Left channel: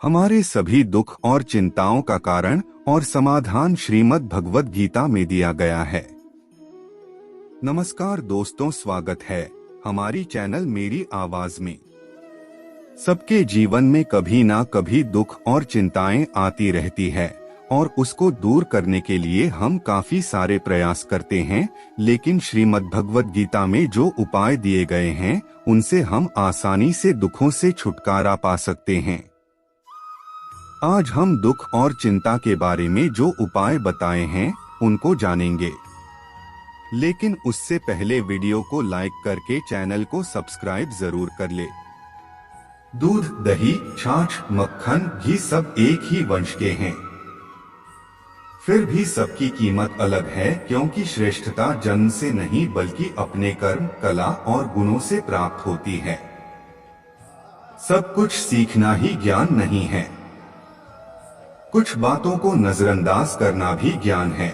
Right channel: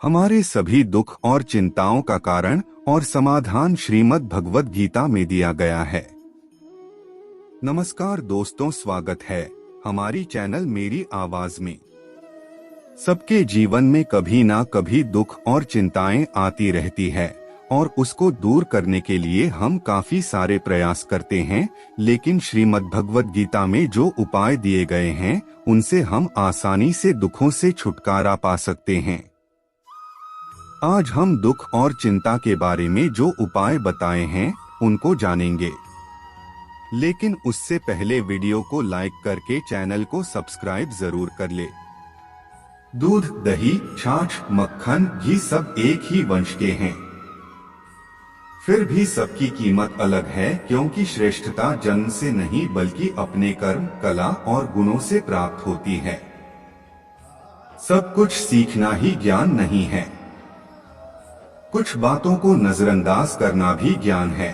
हमारे सभी दुख और चिंताओं का कारण और समाधान श्रीमद् भगवद गीता में दिया गया है। नमस्कार दोस्तों, स्वागत है हमारी चैनल मेरी आवाज में। सबके जीवन में कभी ना कभी दुख और चिंताएं आती रहती है और उसको दूर करने के लिए हम काफी सारे प्रयास करते हैं, लेकिन श्रीमद् भगवद गीता में जो उपाय दिए गए हैं उनसे हम आसानी से दुखों से छुटकारा पा सकते हैं। आज हम दुख और चिंता के बारे में जो उपाय बताए हैं उनको जानेंगे, लेकिन उससे पहले वीडियो को लाइक करके चैनल को सब्सक्राइब जरूर कर ले। दूध, दही, छाछ, मक्खन, घी सब एक ही वंश के हैं, फिर भी सबकी कीमत अलग है, क्योंकि श्रेष्ठता जन्म से नहीं बल्कि अपने कर्म, कला और गुणों से प्राप्त होती है। सब कुछ सीखना ही ज्ञान नहीं है। कुछ बातों को नजरअंदाज करना भी ज्ञान है।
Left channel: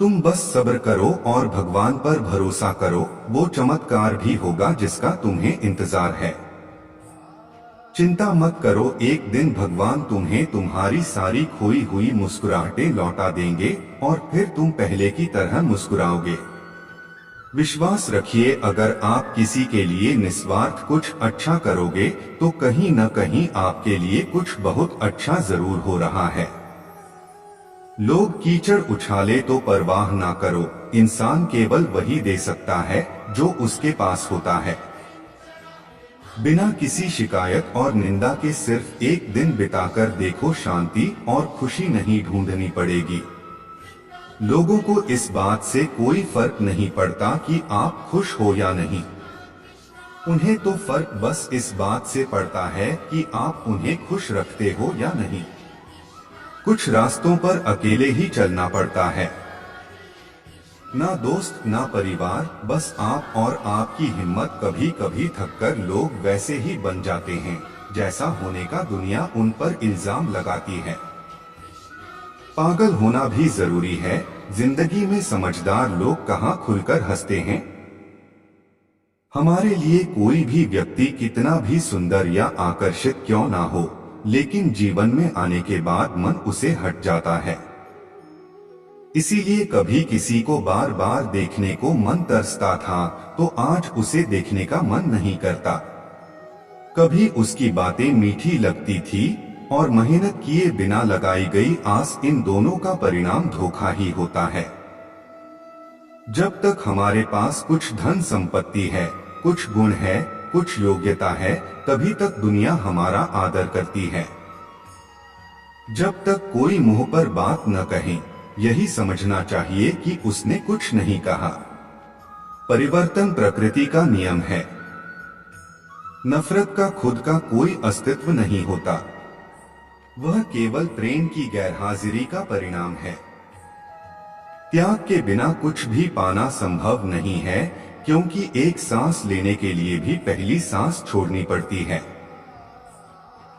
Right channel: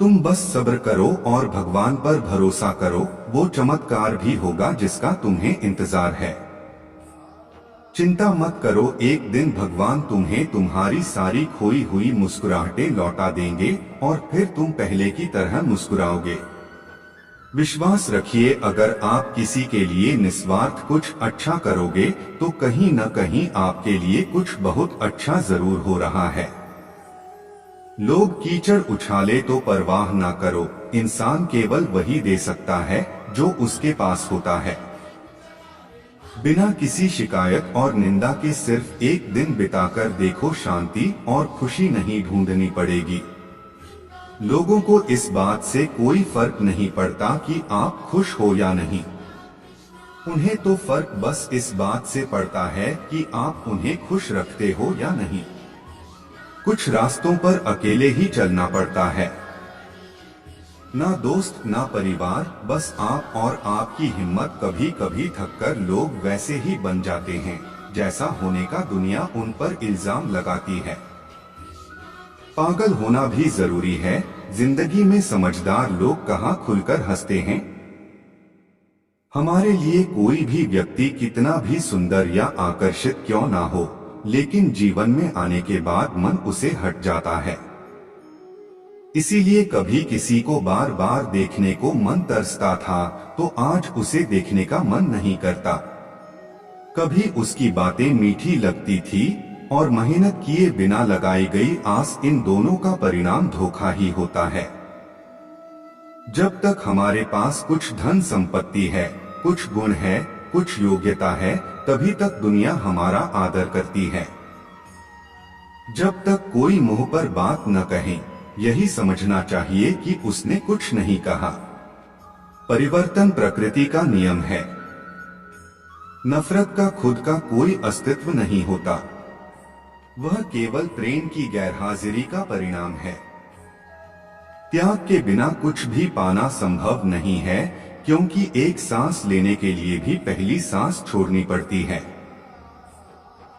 तुम बस सब्र करो और भगवान पर भरोसा करो, वो चमत्कार भी होगा जिसका तुम्हें इंतजार है। चिंता मत करो, एक दिन भगवान तुम्हें तुम्हारी सारी खोई हुई मुस्कुराहटें लौटा देंगे और फिर तुम पहले की तरह मुस्कुराओगे। विश्वास रखिए, अगर आप किसी के लिए निस्वार्थ कुछ अच्छा करोगे तो कहीं न कहीं आपके लिए कुछ बहुत अच्छा जरूर हो रहा है। लोग कीचड़ उछाले तो परवाह ना करो, इंसान केवल वही दे सकता है जो उसके पास होता है। बिना किसी शिकायत और निंदा के सिर्फ एक दिन बिताकर देखो, शांति और खुशी नहीं ढूंढनी पड़ेगी। लोगों को इस बात से कोई फर्क नहीं पड़ता कि आप खुश हो या नहीं, उन्हें तो फर्क बस इस बात से पड़ता है कि आप उन्हें खुश रखते हो या नहीं। कुछ रास्तों पर अकेले ही चलना पड़ता है, ना दोस्त ना परिवार, बस आप और आपकी हिम्मत। कभी कभी थककर लोग वैसे ही बन जाते हैं जैसा होने का दुनिया उन पर इल्जाम लगाती है। पागल होना भी जरूरी है, जिंदगी में समझदार लोग कहाँ खुलकर हंसते हैं। हमारे लिए कोई भी व्यक्ति कितना भी सुंदर या आकर्षित क्यों ना हो, लेकिन जीवन में आने के बाद मन उसे हट जाता है। इसीलिए कभी किसी को बार बार देखने को मन तरसता था तो आज उसे देखने का मन नहीं करता। कभी उसकी बातें मीठी लगती थी और मेहनत किए बिना लगाई गई आस, इन दोनों का परिणाम धोखा ही होता है। जब तक हमारे पास कुछ धन संपत्ति है, कुछ गुण है, कुछ योग्यता है, तभी तक दुनिया हमारा आदर करती है। जब तक कोई मुंह पर बात न कहे, यही समझना चाहिए कि उसने कुछ नहीं कहा। परिवर्तन प्रकृति का नियम है। नफरत का खुद का कोई अस्तित्व नहीं होता, वह केवल प्रेम की गैरहाजिरी का परिणाम है। त्याग के बिना कुछ भी पाना संभव नहीं है, क्योंकि एक सांस लेने के लिए भी पहली सांस छोड़नी पड़ती है।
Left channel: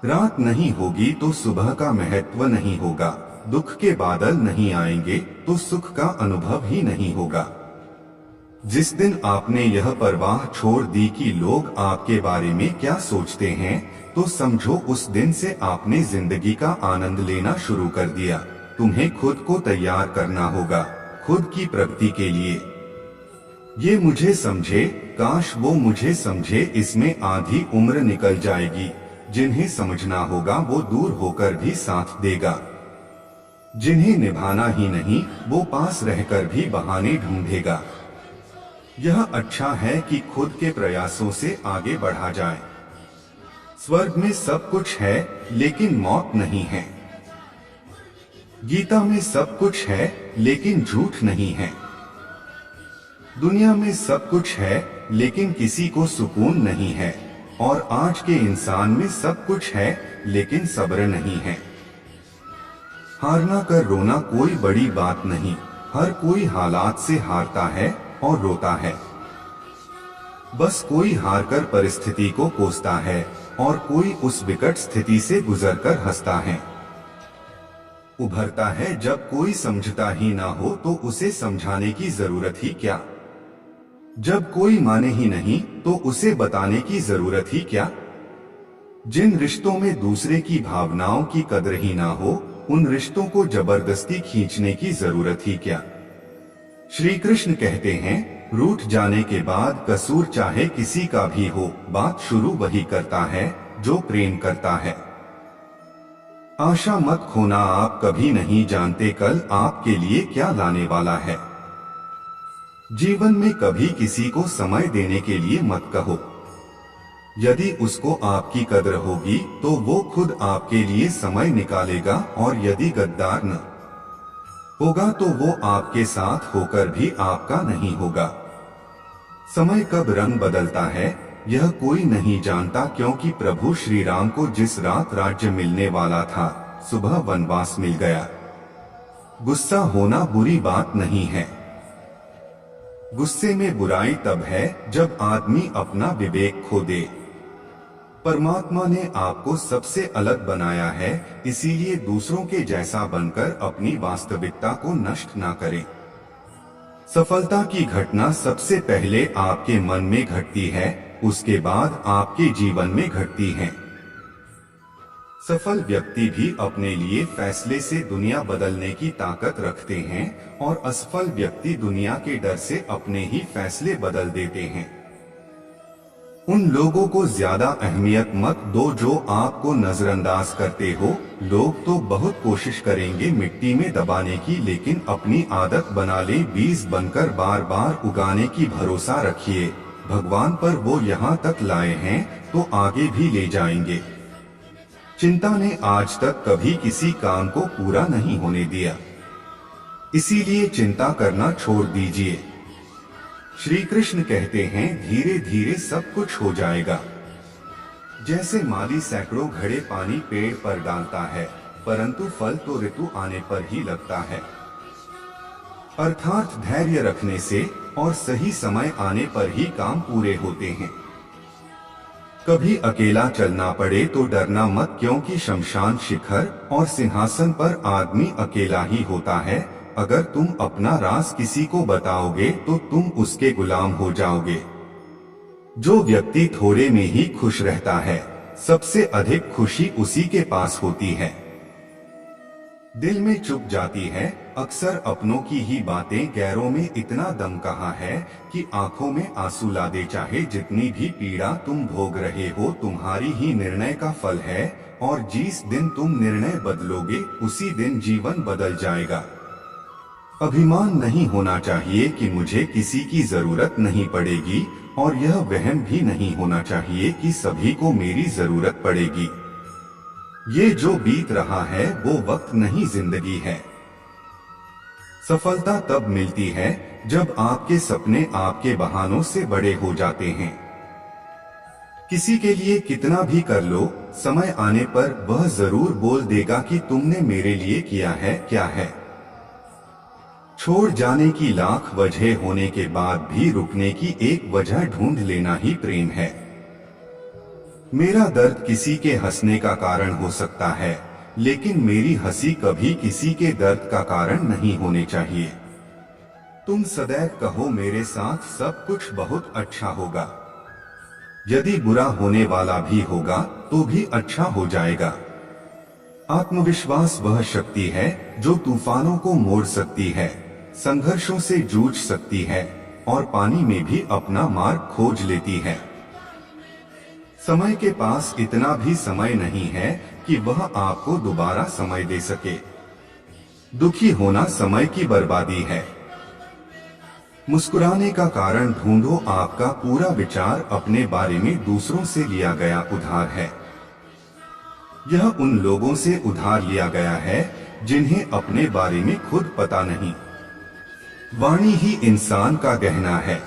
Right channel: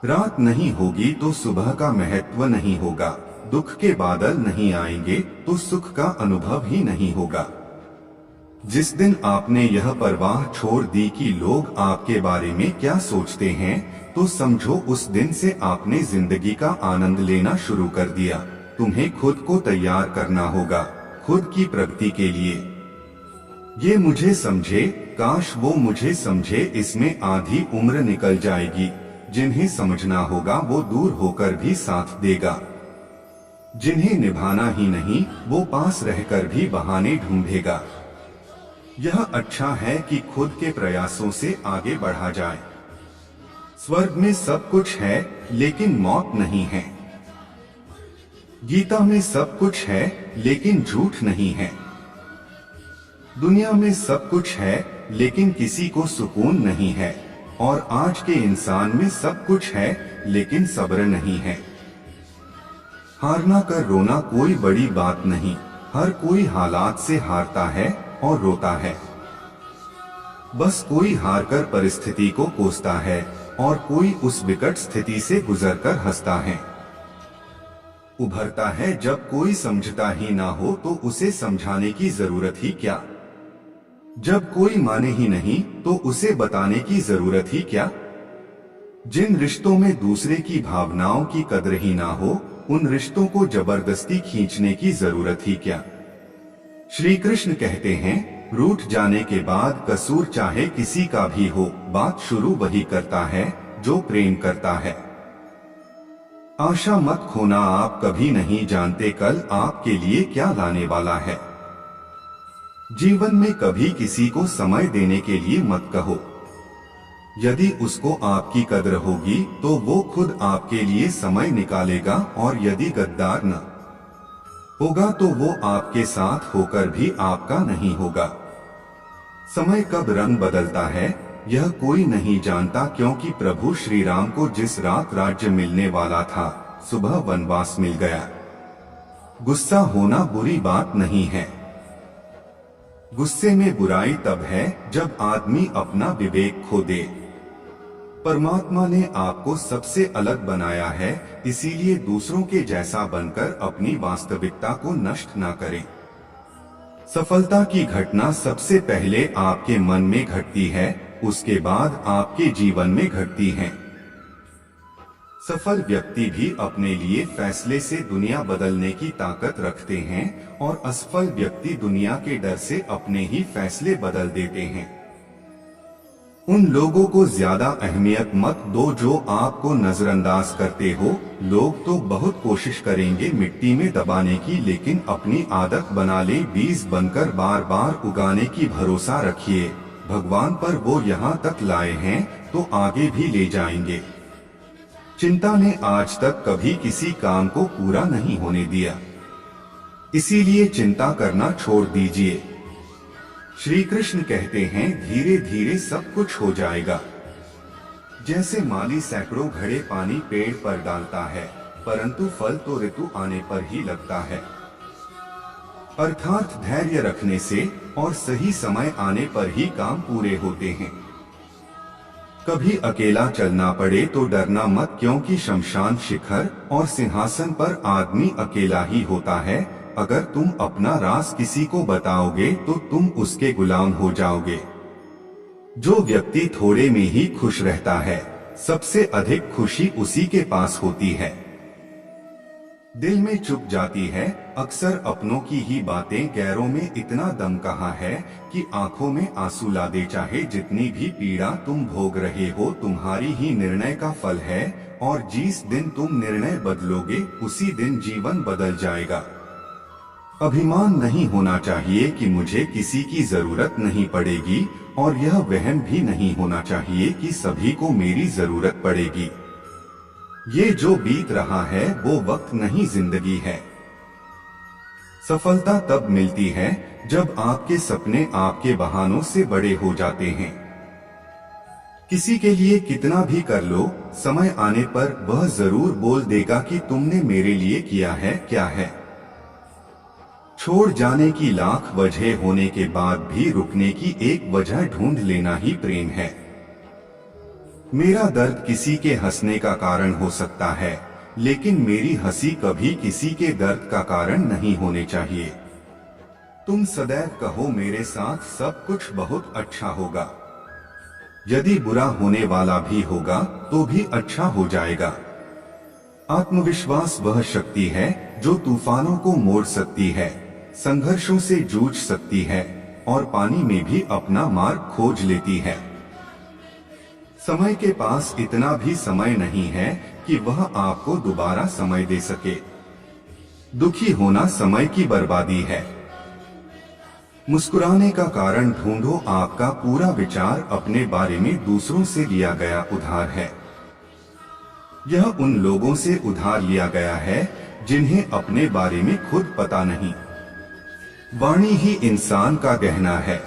रात नहीं होगी तो सुबह का महत्व नहीं होगा, दुख के बादल नहीं आएंगे तो सुख का अनुभव ही नहीं होगा। जिस दिन आपने यह परवाह छोड़ दी कि लोग आपके बारे में क्या सोचते हैं, तो समझो उस दिन से आपने जिंदगी का आनंद लेना शुरू कर दिया। तुम्हें खुद को तैयार करना होगा खुद की प्रगति के लिए। ये मुझे समझे, काश वो मुझे समझे, इसमें आधी उम्र निकल जाएगी। जिन्हें समझना होगा वो दूर होकर भी साथ देगा, जिन्हें निभाना ही नहीं वो पास रहकर भी बहाने ढूंढेगा। यह अच्छा है कि खुद के प्रयासों से आगे बढ़ा जाए। स्वर्ग में सब कुछ है लेकिन मौत नहीं है। गीता में सब कुछ है लेकिन झूठ नहीं है। दुनिया में सब कुछ है लेकिन किसी को सुकून नहीं है, और आज के इंसान में सब कुछ है लेकिन सब्र नहीं है। हारना कर रोना कोई बड़ी बात नहीं, हर कोई हालात से हारता है और रोता है। बस कोई हारकर परिस्थिति को कोसता है और कोई उस विकट स्थिति से गुजरकर हंसता है। उभरता है जब कोई समझता ही ना हो तो उसे समझाने की जरूरत ही क्या। जब कोई माने ही नहीं तो उसे बताने की जरूरत ही क्या। जिन रिश्तों में दूसरे की भावनाओं की कद्र ही ना हो, उन रिश्तों को जबरदस्ती खींचने की जरूरत ही क्या। श्री कृष्ण कहते हैं, रूठ जाने के बाद कसूर चाहे किसी का भी हो, बात शुरू वही करता है जो प्रेम करता है। आशा मत खोना, आप कभी नहीं जानते कल आपके लिए क्या लाने वाला है। जीवन में कभी किसी को समय देने के लिए मत कहो। यदि उसको आपकी कद्र होगी तो वो खुद आपके लिए समय निकालेगा, और यदि गद्दार न होगा तो वो आपके साथ होकर भी आपका नहीं होगा। समय कब रंग बदलता है यह कोई नहीं जानता, क्योंकि प्रभु श्री राम को जिस रात राज्य मिलने वाला था, सुबह वनवास मिल गया। गुस्सा होना बुरी बात नहीं है। गुस्से में बुराई तब है जब आदमी अपना विवेक खो दे। परमात्मा ने आपको सबसे अलग बनाया है, इसीलिए दूसरों के जैसा बनकर अपनी वास्तविकता को नष्ट ना करें। सफलता की घटना सबसे पहले आपके मन में घटती है, उसके बाद आपके जीवन में घटती है। सफल व्यक्ति भी अपने लिए फैसले से दुनिया बदलने की ताकत रखते हैं, और असफल व्यक्ति दुनिया के डर से अपने ही फैसले बदल देते हैं। उन लोगों को ज्यादा अहमियत मत दो जो आपको नजरअंदाज करते हो। लोग तो बहुत कोशिश करेंगे मिट्टी में दबाने की, लेकिन अपनी आदत बना ले बीज बनकर बार बार उगाने की। भरोसा रखिए भगवान पर, वो यहाँ तक लाए हैं तो आगे भी ले जाएंगे। चिंता ने आज तक कभी किसी काम को पूरा नहीं होने दिया, इसीलिए चिंता करना छोड़ दीजिए। श्री कृष्ण कहते हैं, धीरे धीरे सब कुछ हो जाएगा। जैसे माली सैकड़ों घड़े पानी पेड़ पर डालता है, परंतु फल तो ऋतु आने पर ही लगता है। अर्थात धैर्य रखने से और सही समय आने पर ही काम पूरे होते हैं। कभी अकेला चलना पड़े तो डरना मत, क्योंकि शमशान शिखर और सिंहासन पर आदमी अकेला ही होता है। अगर तुम अपना राज किसी को बताओगे तो तुम उसके गुलाम हो जाओगे। जो व्यक्ति थोड़े में ही खुश रहता है, सबसे अधिक खुशी उसी के पास होती है। दिल में चुप जाती है अक्सर अपनों की ही बातें, गैरों में इतना दम कहाँ है कि आंखों में आंसू ला दे। चाहे जितनी भी पीड़ा तुम भोग रहे हो, तुम्हारी ही निर्णय का फल है, और जिस दिन तुम निर्णय बदलोगे उसी दिन जीवन बदल जाएगा। अभिमान नहीं होना चाहिए कि मुझे किसी की जरूरत नहीं पड़ेगी, और यह वहम भी नहीं होना चाहिए कि सभी को मेरी जरूरत पड़ेगी। ये जो बीत रहा है वो वक्त नहीं, जिंदगी है। सफलता तब मिलती है जब आपके सपने आपके बहानों से बड़े हो जाते हैं। किसी के लिए कितना भी कर लो, समय आने पर वह जरूर बोल देगा कि तुमने मेरे लिए किया है क्या है। छोड़ जाने की लाख वजह होने के बाद भी रुकने की एक वजह ढूंढ लेना ही प्रेम है। मेरा दर्द किसी के हंसने का कारण हो सकता है, लेकिन मेरी हंसी कभी किसी के दर्द का कारण नहीं होने चाहिए। तुम सदैव कहो मेरे साथ सब कुछ बहुत अच्छा होगा। यदि बुरा होने वाला भी होगा तो भी अच्छा हो जाएगा। आत्मविश्वास वह शक्ति है जो तूफानों को मोड़ सकती है, संघर्षों से जूझ सकती है, और पानी में भी अपना मार्ग खोज लेती है। समय के पास इतना भी समय नहीं है कि वह आपको दोबारा समय दे सके। दुखी होना समय की बर्बादी है। मुस्कुराने का कारण ढूंढो, आपका पूरा विचार अपने बारे में दूसरों से लिया गया उधार है। यह उन लोगों से उधार लिया गया है जिन्हें अपने बारे में खुद पता नहीं। वाणी ही इंसान का गहना है।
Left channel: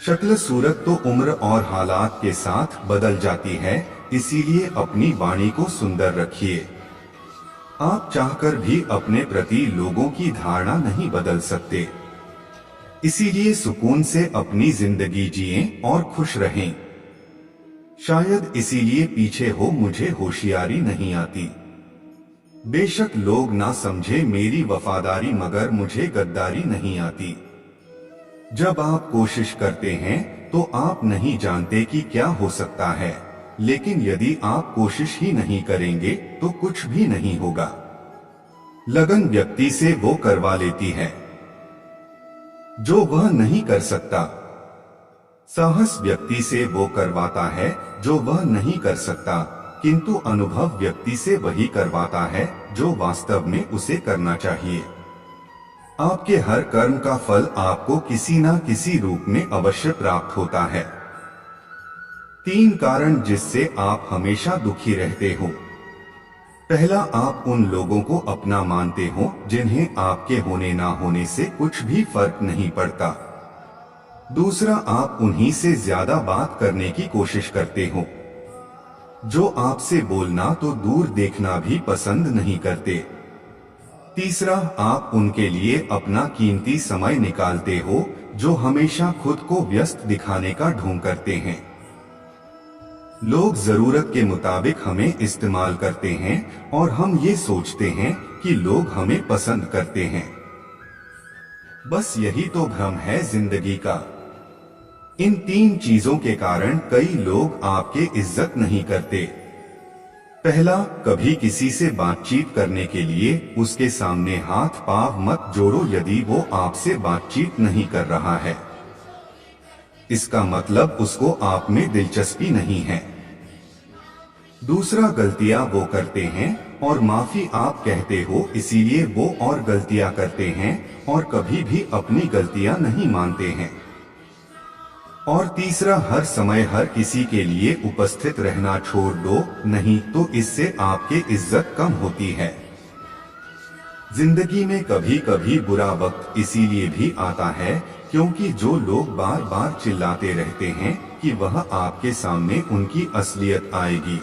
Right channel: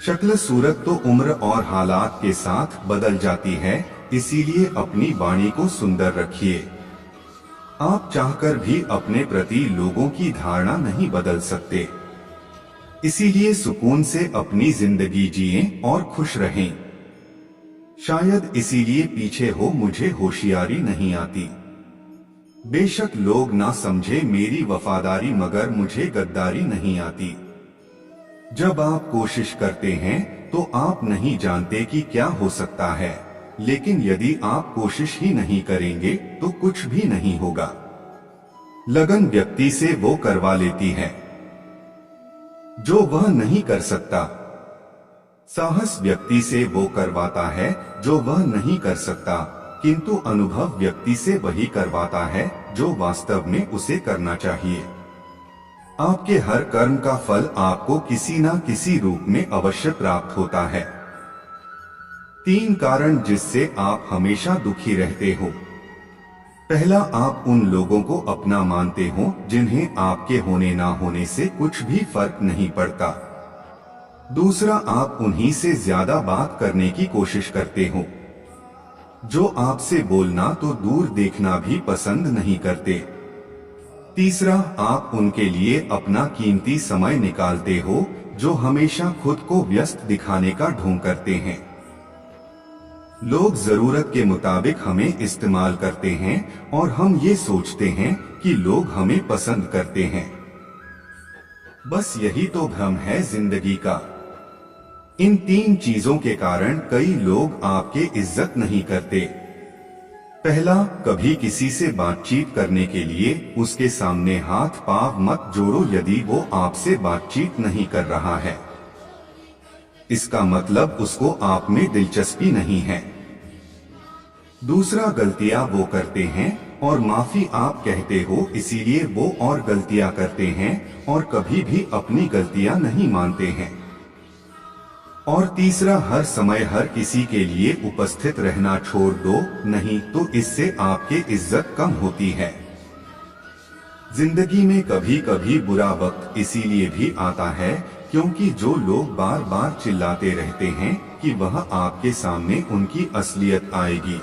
शक्ल सूरत तो उम्र और हालात के साथ बदल जाती है, इसीलिए अपनी वाणी को सुंदर रखिए। आप चाहकर भी अपने प्रति लोगों की धारणा नहीं बदल सकते, इसीलिए सुकून से अपनी जिंदगी जिएं और खुश रहें। शायद इसीलिए पीछे हो मुझे होशियारी नहीं आती। बेशक लोग ना समझे मेरी वफादारी, मगर मुझे गद्दारी नहीं आती। जब आप कोशिश करते हैं तो आप नहीं जानते कि क्या हो सकता है। लेकिन यदि आप कोशिश ही नहीं करेंगे तो कुछ भी नहीं होगा। लगन व्यक्ति से वो करवा लेती है जो वह नहीं कर सकता। साहस व्यक्ति से वो करवाता है जो वह नहीं कर सकता, किंतु अनुभव व्यक्ति से वही करवाता है जो वास्तव में उसे करना चाहिए। आपके हर कर्म का फल आपको किसी न किसी रूप में अवश्य प्राप्त होता है। 3 कारण जिससे आप हमेशा दुखी रहते हो। पहला, आप उन लोगों को अपना मानते हो जिन्हें आपके होने ना होने से कुछ भी फर्क नहीं पड़ता। दूसरा, आप उन्हीं से ज्यादा बात करने की कोशिश करते हो जो आपसे बोलना तो दूर देखना भी पसंद नहीं करते। तीसरा, आप उनके लिए अपना कीमती समय निकालते हो जो हमेशा खुद को व्यस्त दिखाने का ढोंग करते हैं। लोग जरूरत के मुताबिक हमें इस्तेमाल करते हैं और हम ये सोचते हैं कि लोग हमें पसंद करते हैं। बस यही तो भ्रम है जिंदगी का। इन 3 चीजों के कारण कई लोग आपके इज्जत नहीं करते। पहला, कभी किसी से बातचीत करने के लिए उसके सामने हाथ पांव मत जोड़ो यदि वो आपसे बातचीत नहीं कर रहा है। इसका मतलब उसको आप में दिलचस्पी नहीं है। दूसरा, गलतियां वो करते हैं और माफी आप कहते हो, इसीलिए वो और गलतियां करते हैं और कभी भी अपनी गलतियां नहीं मानते हैं। और तीसरा, हर समय हर किसी के लिए उपस्थित रहना छोड़ दो, नहीं तो इससे आपकी इज्जत कम होती है। जिंदगी में कभी कभी बुरा वक्त इसीलिए भी आता है क्योंकि जो लोग बार बार चिल्लाते रहते हैं कि वह आपके सामने उनकी असलियत आएगी।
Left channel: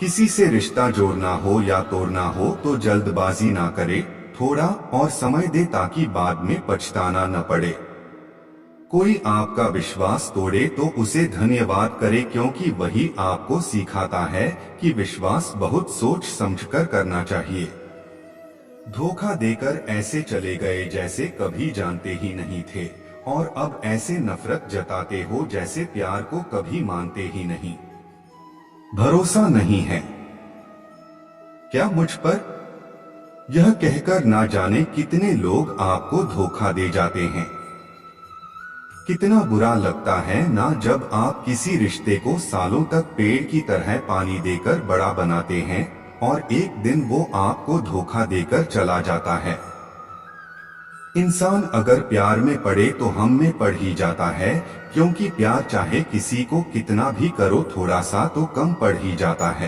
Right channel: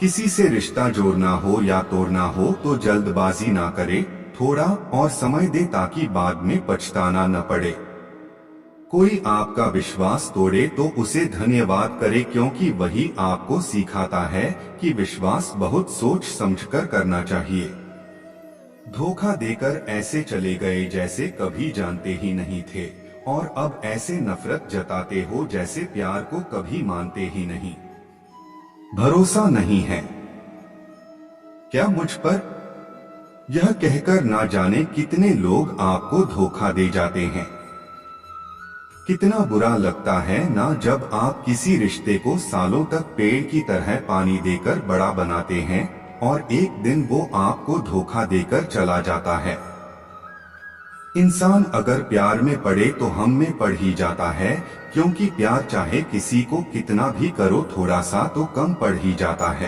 किसी से रिश्ता जोड़ना हो या तोड़ना हो तो जल्दबाजी ना करे, थोड़ा और समय दे ताकि बाद में पछताना न पड़े। कोई आपका विश्वास तोड़े तो उसे धन्यवाद करे क्योंकि वही आपको सिखाता है कि विश्वास बहुत सोच समझकर करना चाहिए। धोखा देकर ऐसे चले गए जैसे कभी जानते ही नहीं थे और अब ऐसे नफरत जताते हो जैसे प्यार को कभी मानते ही नहीं। भरोसा नहीं है क्या मुझ पर? यह कहकर ना जाने कितने लोग आपको धोखा दे जाते हैं। कितना बुरा लगता है ना जब आप किसी रिश्ते को सालों तक पेड़ की तरह पानी देकर बड़ा बनाते हैं और एक दिन वो आपको धोखा देकर चला जाता है। इंसान अगर प्यार में पड़े तो हम में पड़ ही जाता है, क्योंकि प्यार चाहे किसी को कितना भी करो थोड़ा सा तो कम पड़ ही जाता है।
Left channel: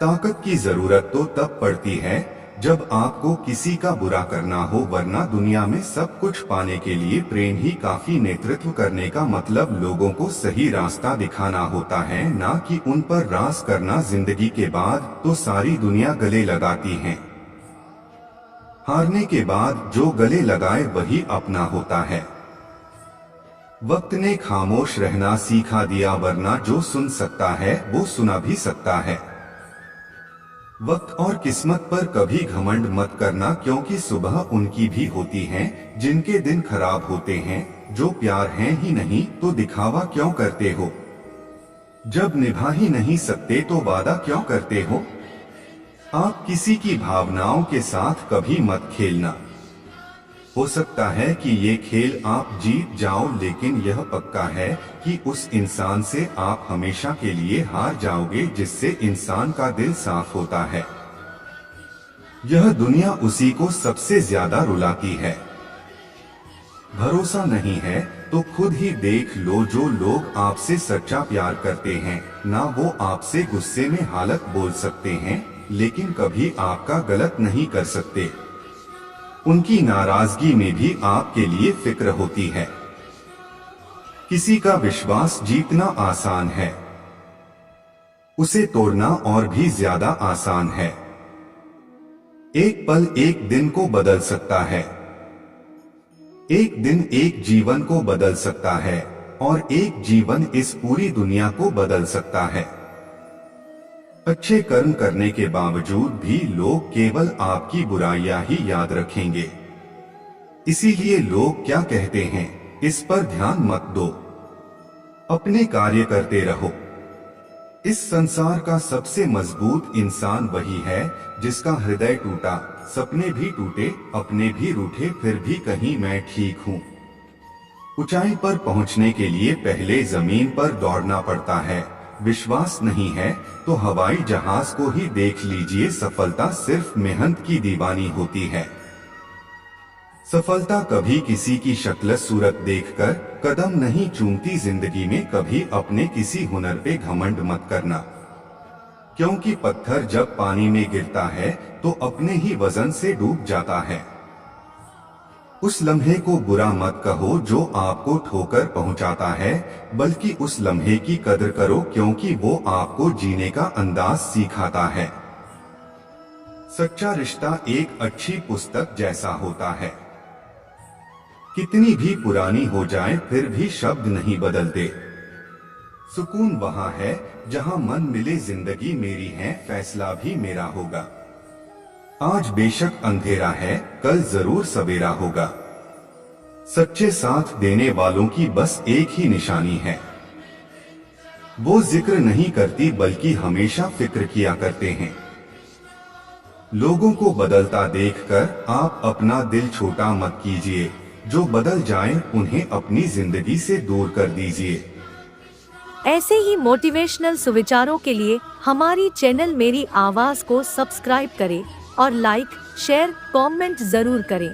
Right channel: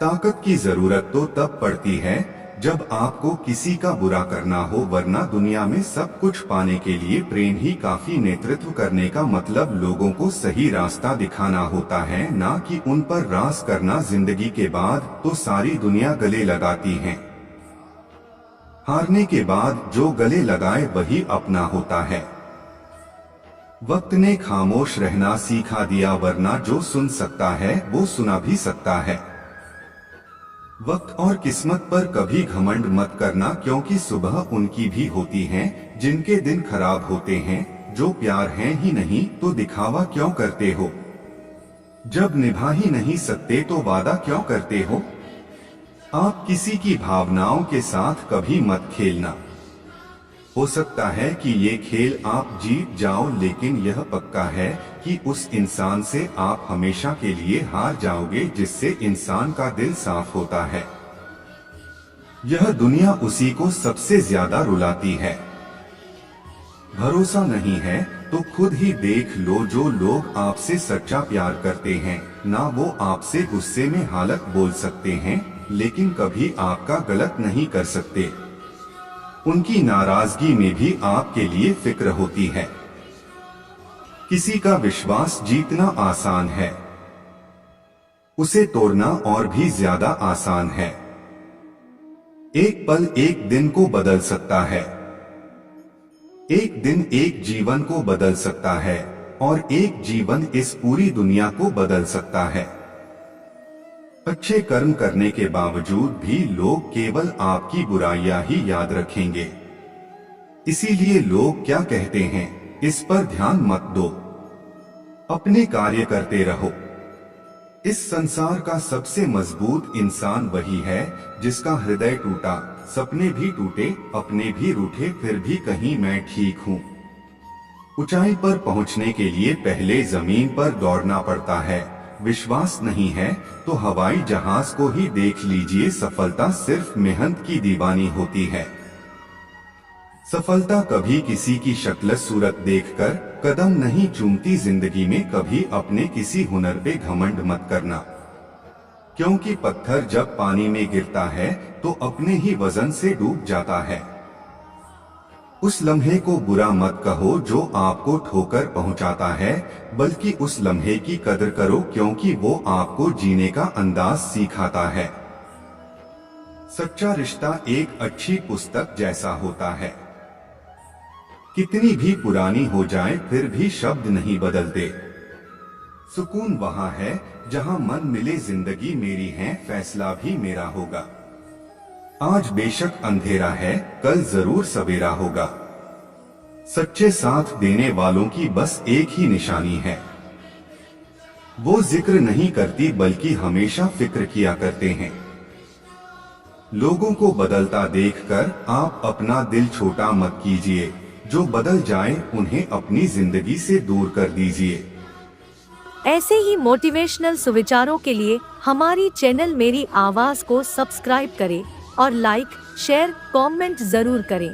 ताकत की जरूरत तो तब पड़ती है जब आपको किसी का बुरा करना हो, वरना दुनिया में सब कुछ पाने के लिए प्रेम ही काफी। नेतृत्व करने का मतलब लोगों को सही रास्ता दिखाना होता है, ना कि उन पर राज करना। जिंदगी के बाद तो सारी दुनिया गले लगाती है, हारने के बाद जो गले लगाए वही अपना होता है। वक्त ने खामोश रहना सिखा दिया, वरना जो सुन सकता है वो सुना भी सकता है। वक्त और किस्मत पर कभी घमंड मत करना, क्योंकि सुबह उनकी भी होती हैं जिनके दिन खराब होते हैं। जो प्यार है ही नहीं तो दिखावा क्यों करते हो? जब निभा ही नहीं सकते तो वादा क्यों करते हो? आप किसी की भावनाओं के साथ कभी मत खेलना। हो सकता है कि ये खेल आप जीत जाओ, लेकिन यह पक्का है कि उस इंसान से आप हमेशा के लिए हार जाओगे जिससे इंसान का दिल साफ होता है। यह दुनिया उसी को सबसे ज्यादा रुलाती है। भरोसा नहीं है तो खुद ही देख लो, जो लोग आपसे सच्चा प्यार करते हैं ना वो आपसे गुस्से में हालत बोल सकते हैं, लेकिन कभी आपका गलत नहीं कर सकते। उनकी नाराजगी में भी आपके लिए फिक्र होती है। किसी का विश्वास जीतना आसान है, उसे तोड़ना और भी ज्यादा आसान है। एक पल एक दिन को बदल सकता है, एक दिन एक जीवन को बदल सकता है और एक जीवन इस पूरी दुनिया को बदल सकता है। अच्छे कर्म करने के बावजूद भी लोग केवल आपकी बुराइयां ही याद रखेंगे। इसीलिए लोग क्या कहते हैं इस पर ध्यान मत दो। अपने कार्य करते रहो। इस संसार का सबसे मजबूत इंसान वही है जिसका हृदय टूटा, सपने भी टूटे, अपने भी रूठे, फिर भी कहीं मैं ठीक हूँ। ऊंचाई पर पहुंचने के लिए पहले जमीन पर दौड़ना पड़ता है। विश्वास नहीं है तो हवाई जहाज को ही देख लीजिए। सफलता सिर्फ मेहनत की दीवानी होती है। सफलता कभी किसी की शक्ल सूरत देखकर कदम नहीं चूमती। जिंदगी में कभी अपने किसी हुनर पे घमंड मत करना, क्योंकि पत्थर जब पानी में गिरता है तो अपने ही वजन से डूब जाता है। उस लम्हे को बुरा मत कहो जो आपको ठोकर पहुंचाता है, बल्कि उस लम्हे की कदर करो क्योंकि वो आपको जीने का अंदाज सिखाता है। सच्चा रिश्ता एक अच्छी पुस्तक जैसा होता है। कितनी भी पुरानी हो जाए फिर भी शब्द नहीं बदलते। सुकून वहां है जहां मन मिले। जिंदगी मेरी है, फैसला भी मेरा होगा। आज बेशक अंधेरा है, कल जरूर सवेरा होगा। सच्चे साथ देने वालों की बस एक ही निशानी है, वो जिक्र नहीं करती बल्कि हमेशा फिक्र किया करते हैं। लोगों को बदलता देखकर आप अपना दिल छोटा मत कीजिए। जो बदल जाएं उन्हें अपनी जिंदगी से दूर कर दीजिए। ऐसे ही मोटिवेशनल सुविचारों के लिए हमारी चैनल मेरी आवाज को सब्सक्राइब करें और लाइक, शेयर, कमेंट जरूर करें।